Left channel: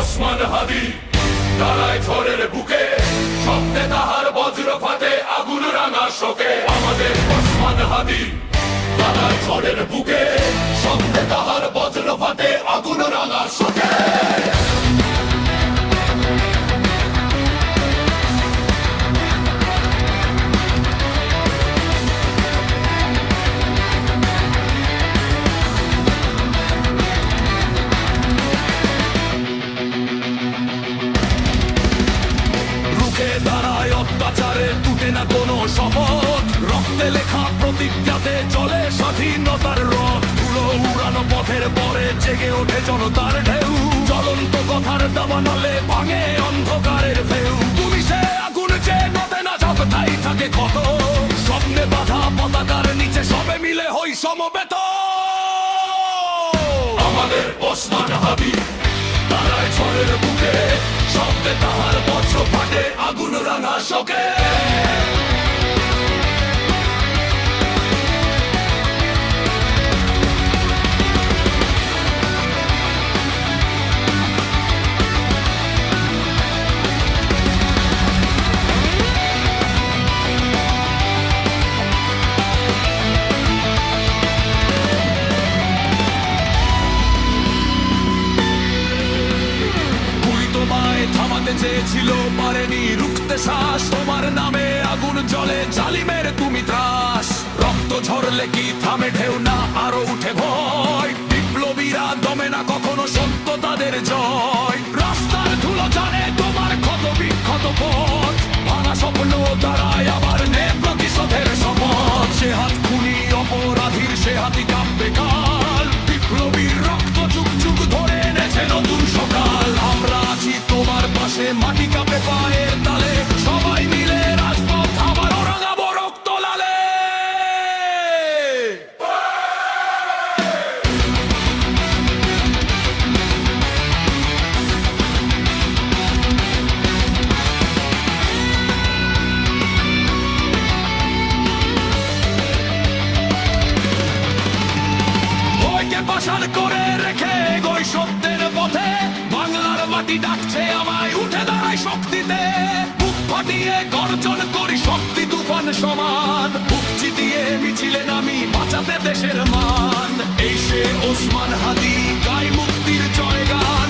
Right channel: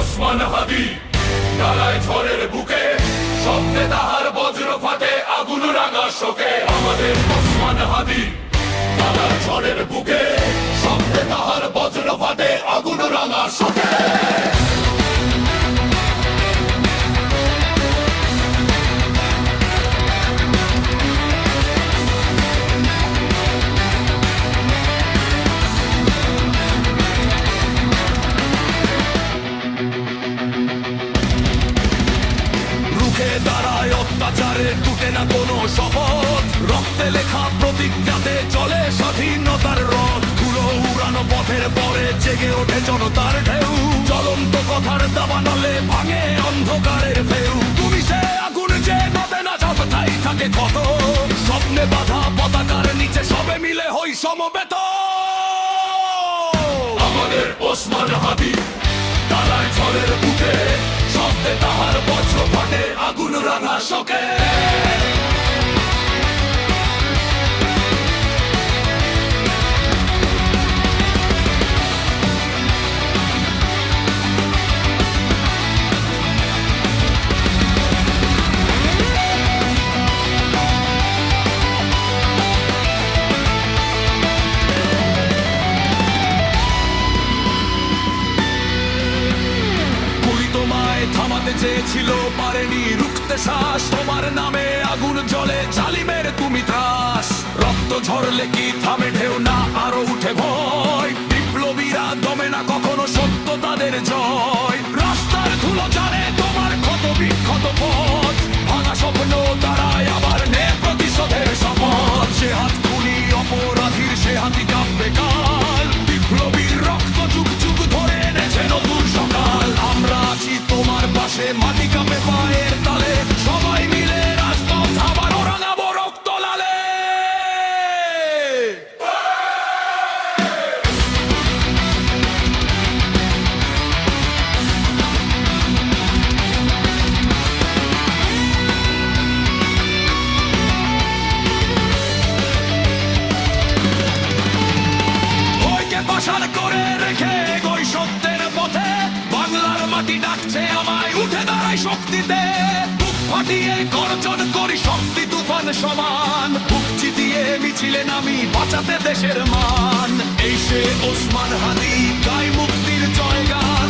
ওসমান হাদি দাঁড়ায় ঝড়ের বুকে, শব্দে তাহার বজ্র ফাটে আগুন রাঙা শোকে। আমাদের ওসমান হাদি দাঁড়ায় ঝড়ের বুকে, শব্দে তাহার বজ্র ফাটে আগুন রাঙা শোকে। রুখে দাঁড়ায় অত্যাচারে, টুটে না কোনো শপথ, রক্তে লেখা প্রতিজ্ঞাতে চলে স্বাধীনতার রথ। ধুলো উড়ানো পথের পরে জেগে ওঠে জনতার ঢেউ, জ্বলন্ত কথার দাবানলে ভাঙে অন্ধকারের ফেউ। তুমি সে আগুন যে নদে না ঝাপটাই থাকে ক্ষত, স্বপ্নে বাঁধা পতাকার নিচে সবে মিলে হই সমবেত। আমাদের ওসমান হাদি দাঁড়ায় ঝড়ের বুকে, শব্দে তাহার বজ্র ফাটে আগুন রাঙা শোকে। তোমায় থামাতে চেয়েছিল, পারেনি রুখতে শ্বাস। তোমার নামে আগুন জ্বলে, জালিমের তুমি ত্রাস। রক্ত ঝরলে কি থামে ঢেউ না, আরো উঠে ভয়। বিপ্লবীরা দমে না কখনো, সত্য তাদের জয়। রাস্তার ধুলো জানে তোমার ক্ষত বিক্ষত পথ, ভাঙা স্বপ্ন দাঁড়ায় আবার নে প্রতিশোধের শপথ। সে হাত খুনি অপরাধীর, সে হাতি কাঁপবে কাল। বিপ্লবীর রক্ত যুগ যুগ ধরে এনেছে নতুন সকাল। আমরা আছি তোমার পাশে, মাটি কাঁপে পায়ের তালে। সবাই মিলে রাজপথ আবারও রাঙাবো রক্ত লালে। ভয়কে পাশান করে রেখে এগোই সত্যের পথে। বাংলার মাটি ডাকছে আমায়, উঠে দাঁড়াই শক্তিতে। বুক ফাটিয়ে গর্জন করি শক্তি তুফান সমান। বুক চিতিয়ে মিছিলে নামি, বাঁচাতে দেশের মান। এই সে ওসমান হাদি, গায় মুক্তির জয়গান।